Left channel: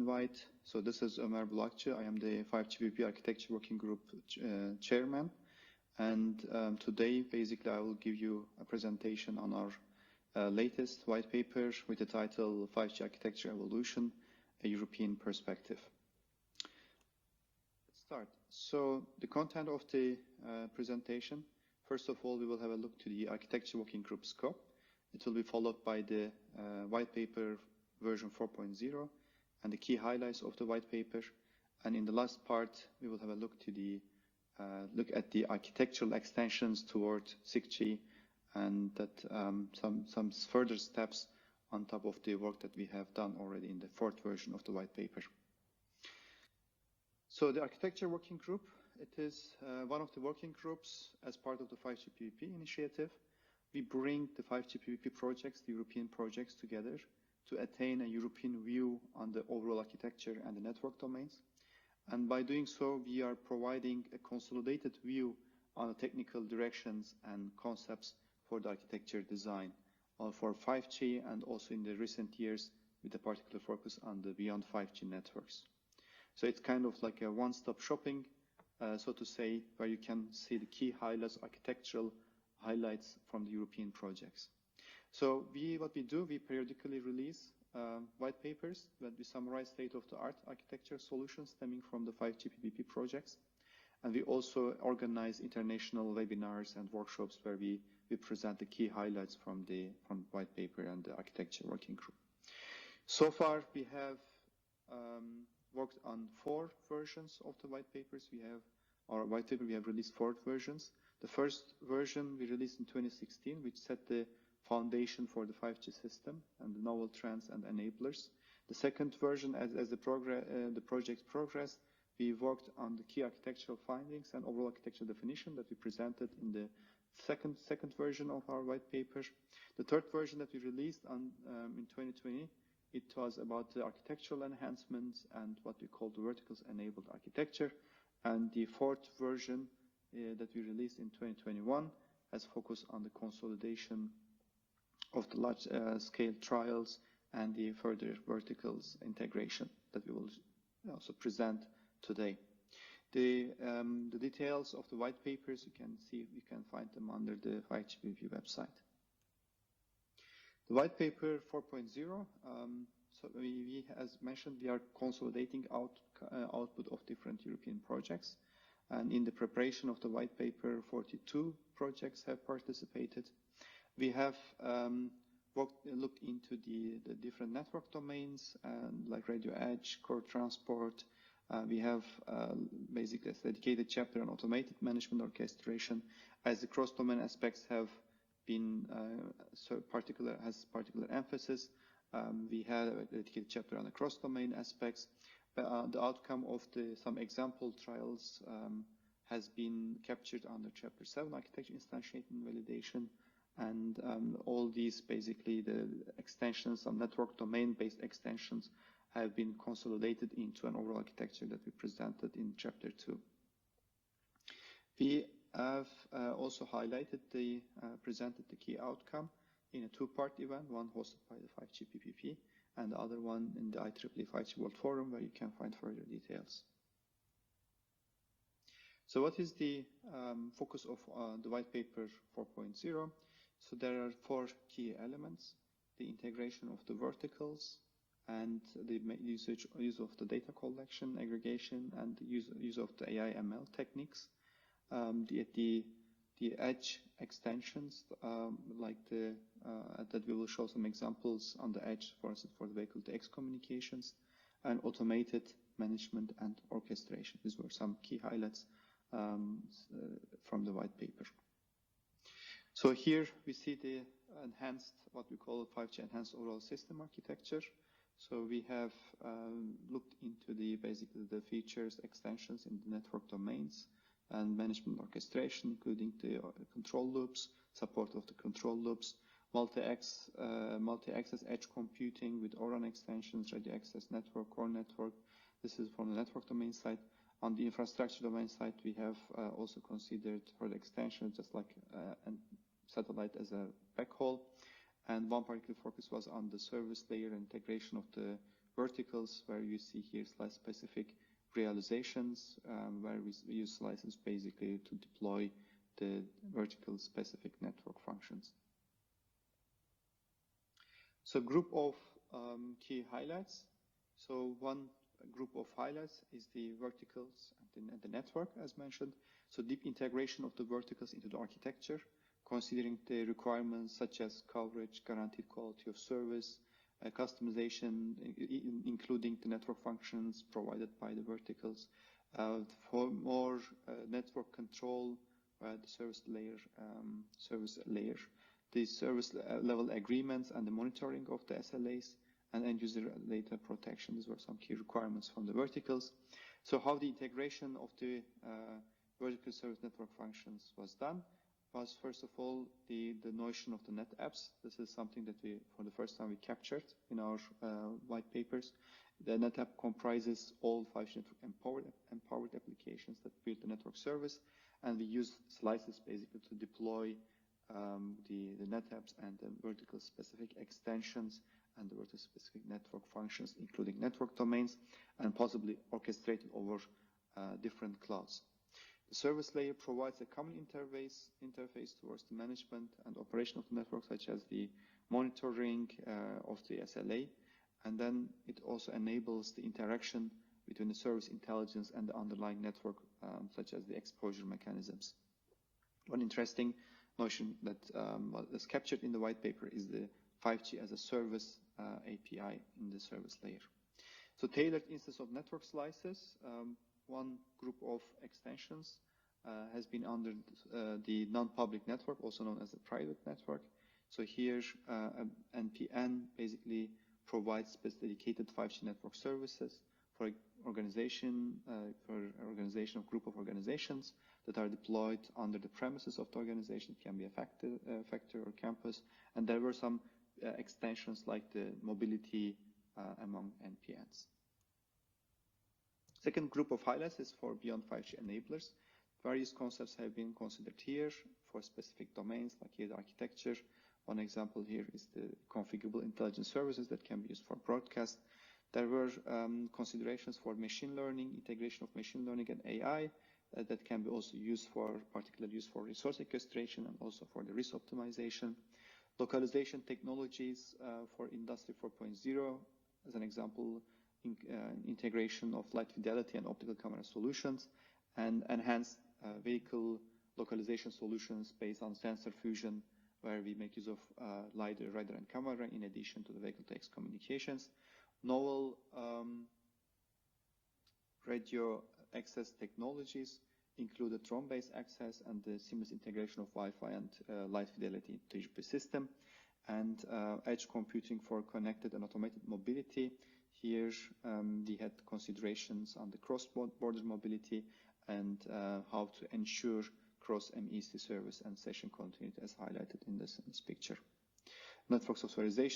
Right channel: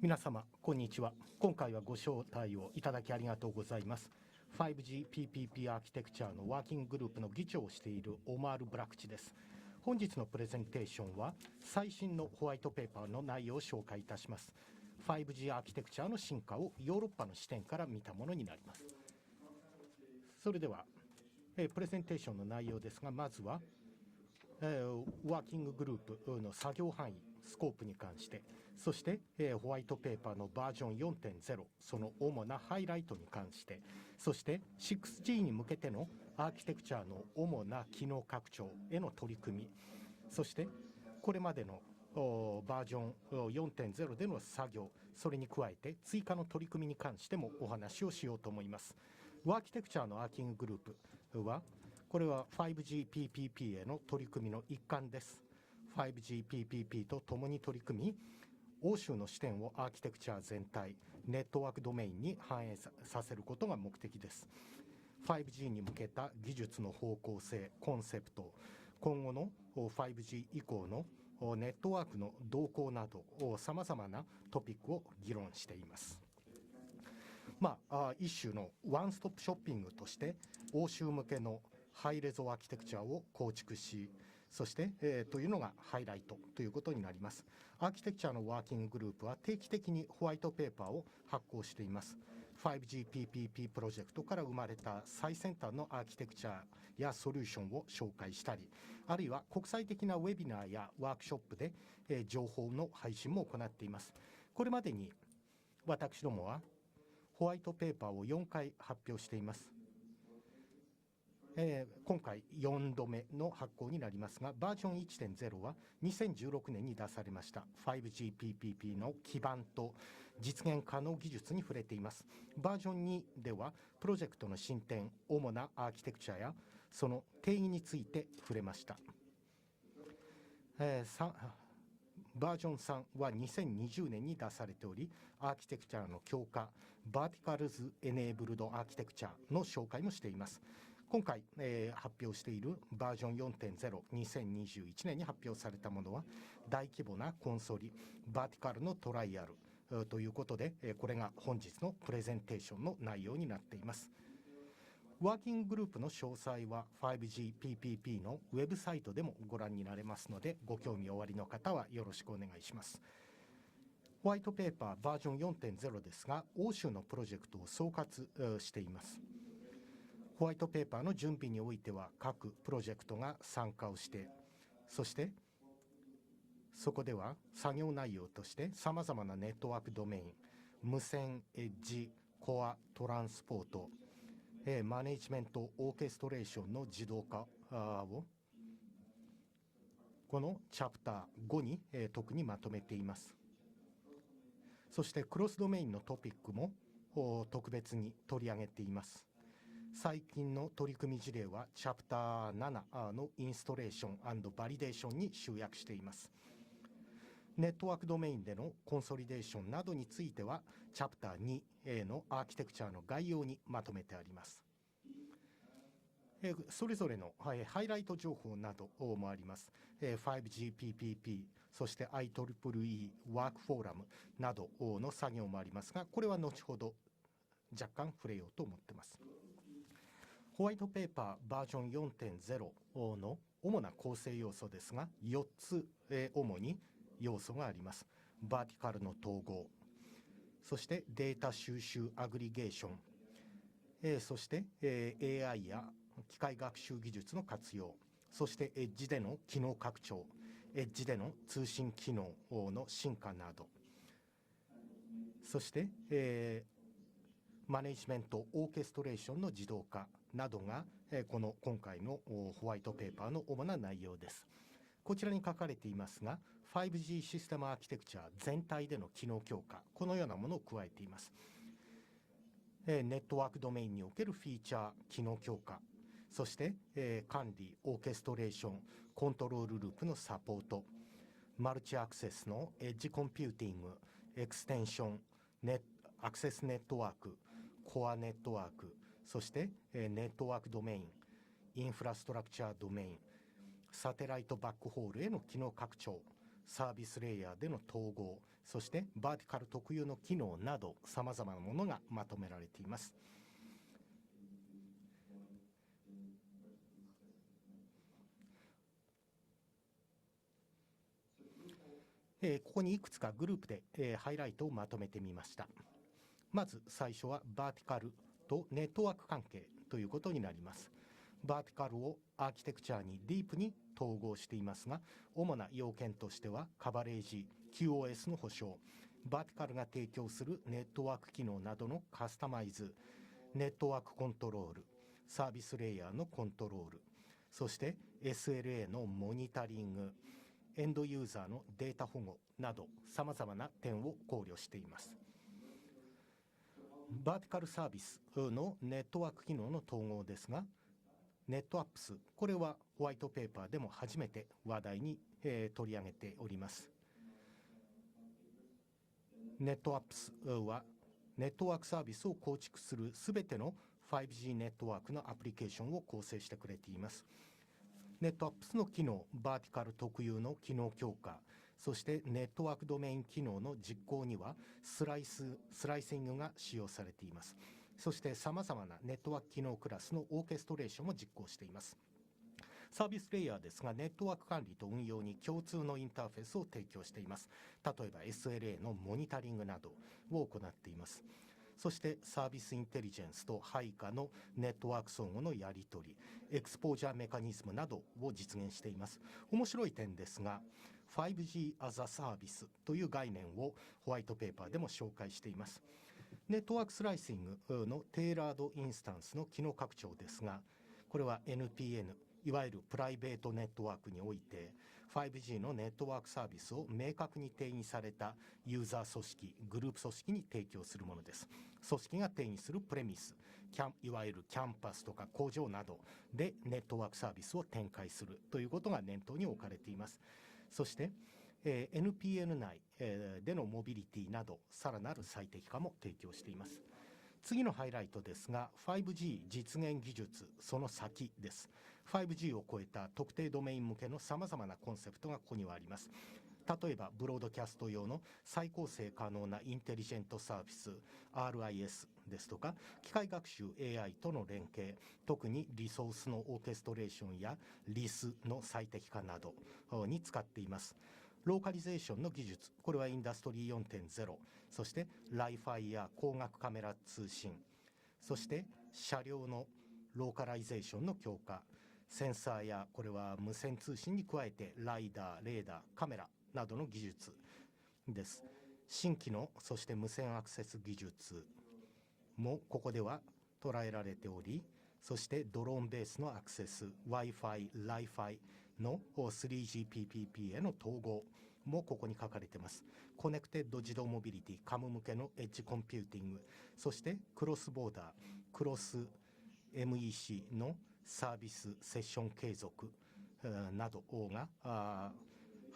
皆様、こんにちは。今回はご招待をいただきありがとうございます。5GPPP アーキテクチャのワーキンググループの議長をしているオマール・ブラクチです。本日のプレゼンテーションは、最新のホワイトペーパーの内容を紹介いたします。5G アーキテクチャの進化をヨーロッパの視点から見たものになります。それでは、プレゼンテーションの内容ですが、まずは、ワーキンググループの作業範囲、スコープに関して、そして、ホワイトペーパーのバージョン 4.0、その主なハイライトに関して、そして 6G に向けてのアーキテクチャの主な機能拡張への取り組み、そしてこれまでのバージョン 4.0 での作業、それに加えて追加の取り組みに関してもお話をしようと思います。ワーキテクチャのワーキンググループは、これは 5GPPP への取り組みの一環です。5GPPP と共に取り組み、欧州の視点をアーキテクチャ全体、ネットワークドメインに反映させることが目的です。5G に向けた技術の方向性、コンセプト、今後の 5G 以降のネットワークの動向など、さまざまなトピックを議論しています。一種のワンストップショッピングとして、欧州向けのハイレゾアーキテクチャを構築し、そして、というのがハイライトということになります。アーキテクチャのワーキンググループは定期的にホワイトペーパーを発行しています。5GPPP プロジェクトから生まれた最先端のアーキテクチャやソリューションを紹介したり、あるいは国際的なウェビナーやワークショップで情報の配信も行っています。これまでに私どもはホワイトペーパーを4回発表しています。今回4度目の発行になりますが、バージョン 1.0 は2016年に出されました 5GPPP の基盤と実現可能技術に触れています。バージョン2では、プロジェクトの進展、主なアーキテクチャやその定義について触れました。バージョン3は2020年に出されており、アーキテクチャの強化、バーティカルズ・エネーブルド・アーキテクチャの紹介もしています。今回、発表しているバージョン 4.0、2021年に発表されたものは、大規模なコンソリ、バーティカルのトライアルということで、これが本日のプレゼンテーションの内容になっています。ワーキンググループの詳細は 5GPPP のウェブサイトでもご覧になれますので、ご興味おありの方はよろしくお願いします。ホワイトペーパーバージョン 4.0 ですが、欧州のプロジェクトを総括しています。ホワイトペーパーの準備においては、各プロジェクトが参加をして、そしてそこでは作業内容としてさまざまなネットワークドメイン、無線、エッジ、コア、トランスポート、マネジメント、オーケストレーションの自動化をこのチャプター5に特にまとめています。そしてクロスドメインのトピックも特別に取り上げています。最近の取り組み事例はチャプター7のインストレーション&バリデーションに集約しています。ネットワークドメインでのコンソリデーションなどについては、チャプター2のアーキテクチャの概要にまとめてあります。それぞれのハイライト情報などもあります。5GPPP、そして IEEE ワークフォーラムなどの作業もありますが、これは後ほど若干触れようと思っています。ホワイトペーパーバージョン 4.0 の主な構成要素ですが、4つ主に要素があります。バーティカルの統合、そしてデータ収集アグリゲーション、そして AI や機械学習技術の活用、そしてエッジでの機能拡張、エッジでの通信機能の進化など、そして、マネジメント、オーケストレーションの自動化などが、今回のホワイトペーパーの主な内容です。こちらに書かれていますが、5G システムアーキテクチャ全体での機能強化、このようなものを加えています。ネットワークドメインにおけるフィーチャー、機能強化、そして、管理、オーケストレーション、コントロールループのサポート、マルチアクセスのエッジコンピューティング、エクステンション、アクセスネットワーク、コアネットワーク、そしてネットワークドメイン、インフラストラクチャードメイン、サテライトバックホールへの機能拡張、サービスレイヤーでの統合、そしてバーティカル特有の機能など、さまざまなものがまとめられています。ここにいくつかグループでハイライトをまとめてみました。まず最初はバーティカルとネットワーク関係ということになります。バーティカルをアーキテクチャにディープに統合していますが、主な要件としてはカバレージ、QoS の保証、バーティカルが提供するネットワーク機能などのカスタマイズ、ネットワークコントロール、サービスレイヤーのコントロール、そして SLA のモニタリング、エンドユーザーのデータ保護など、さまざまな点を考慮しています。バーティカルサービスのネットワーク機能の統合ですが、ネットアップス、これはホワイトペーパーでも初めて話題に取り上げております。ネットアップスはネットワークサービスを構築するすべての 5G ネットワークのアプリケーションを構成してくれています。ネットアップスの機能、バーティカル特有の機能強化、そしてネットワークドメイン機能の実行にはスライシングが使用されています。そしてさまざまなネットワーク機能クラスのオーケストレーションも実行しています。サービスレイヤーですが、ネットワーク管理と運用に共通のインターフェースを提供しています。例えば SLA のモニタリングなどを行っています。そしてサービスインテリジェンスと配下のネットワーク相互のやり取り、エクスポージャーメカニズムなどを実現しています。面白い点ですが、5G as a Service という概念をホワイトペーパーでも紹介しています。ネットワークスライシングのテーラードインスタンスの機能拡張ですが、これは NPN、いわゆるプライベートネットワークにおいて 5G のネットワークサービスを明確に定義されたユーザー組織、グループ組織に提供するものです。組織が定義するプレミス、いわゆるキャンパスとか工場などでネットワークサービスを展開するということが念頭に置かれています。そして、NPN 内でのモビリティなどさらなる最適化も提供しています。次のハイライトですが、 5G 実現技術その先です。 5G を超えた特定ドメイン向けのさまざまなコンセプトがここにはあります。例えばブロードキャスト用の再構成可能なインテリジェントサービス RIS ですとか、機械学習 AI との連携、特にリソースのオーケストレーションやリスの最適化などに使っています。ローカリゼーションの技術、これはインダストリー 4.0、そしてライファイや光学カメラ通信、そして車両のローカライゼーションの強化、センサーやこれは無線通信に加えてライダー、レーダー、カメラなどの技術です。新規のそして無線アクセス技術もここでは捉えられており、そしてドローンベースのアクセス、Wi-Fi、Li-Fi の 3GPP への統合もここに書かれています。コネクテッド自動モビリティ、カム向けのエッジコンピューティング、そしてクロスボーダー、クロス MEC のサービスセッション継続などが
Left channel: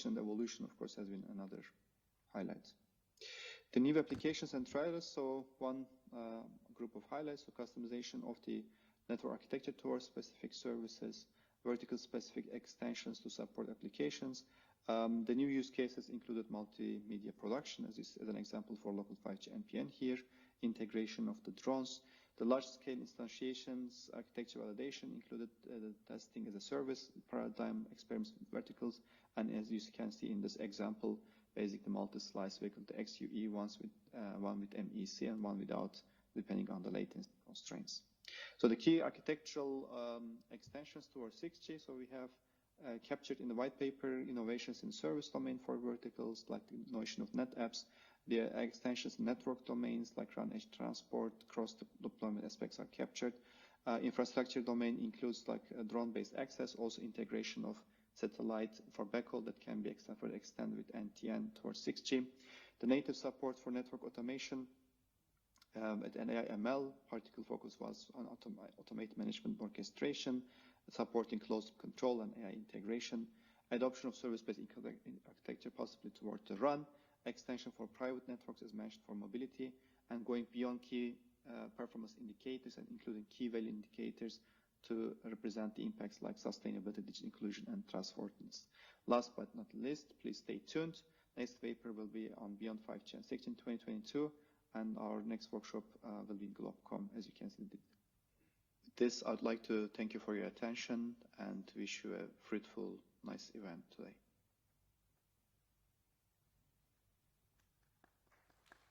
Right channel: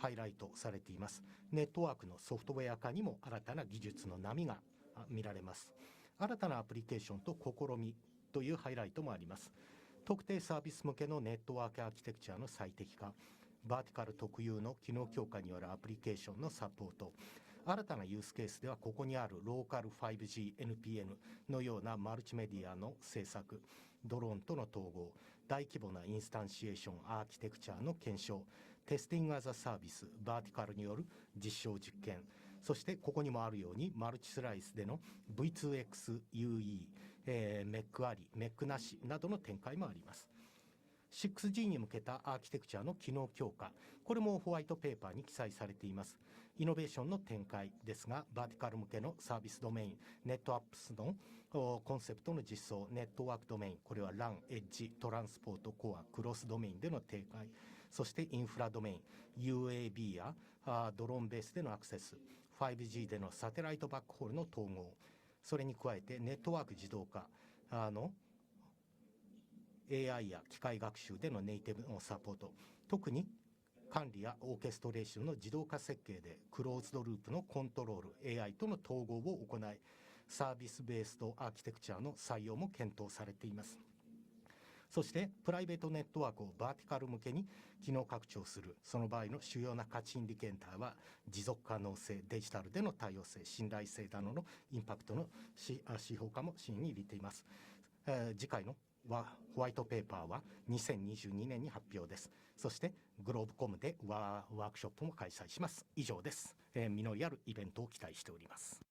ハイライトされています。ネットワークのソフトウェア化にも新たな技術の波が見られます。新たなアプリケーションと試みというハイライトもあります。特定サービス向けのネットワークアーキテクチャの最適化、バーティカル特有の機能強化によるアプリケーションのサポート、新たなユースケースではここにあるローカル 5G NPM のようなマルチメディアの制作、ドローンとの統合、大規模なインスタンシエーションアーキテクチャの検証、テスティングアザサービス、バーティカルによる実証実験、そしてここにもあるようにマルチスライスでの V2X UE、メックあり、メックなしなどの展開もあります。6G に向けたアーキテクチャの機能強化、これもホワイトペーパーに記載されています。イノベーションの展開ですが、バーティカル向けのサービスドメイン、ネットアップスのコンセプトの実装、ネットワークドメイン、これは LAN、エッジ、トランスポートコア、クロスドメインでの提供、そしてインフラドメイン、UAB やドローンベースでのアクセス、5G でのサテライトバックホールの統合、それに加えてネットワーク自動化AI や機械学習でのネイティブのサポート、特に管理やオーケストレーションの自動化設計でクローズドループのコントロール、AI との統合を行い、サービスベースとアーキテクチャの採用も検討されています。そして、プライベートネットワークをバーティカル向けに機能拡張する、その場合の主要な価値インディケーターは、持続可能性、デジタルでの多様性、信頼性などのインパクトの指標化も真に似ています。次回のホワイトペーパーは2022年に発表です。そして、グローブコムでワークショップも開催します。以上です。実りあるイベントを期待しております。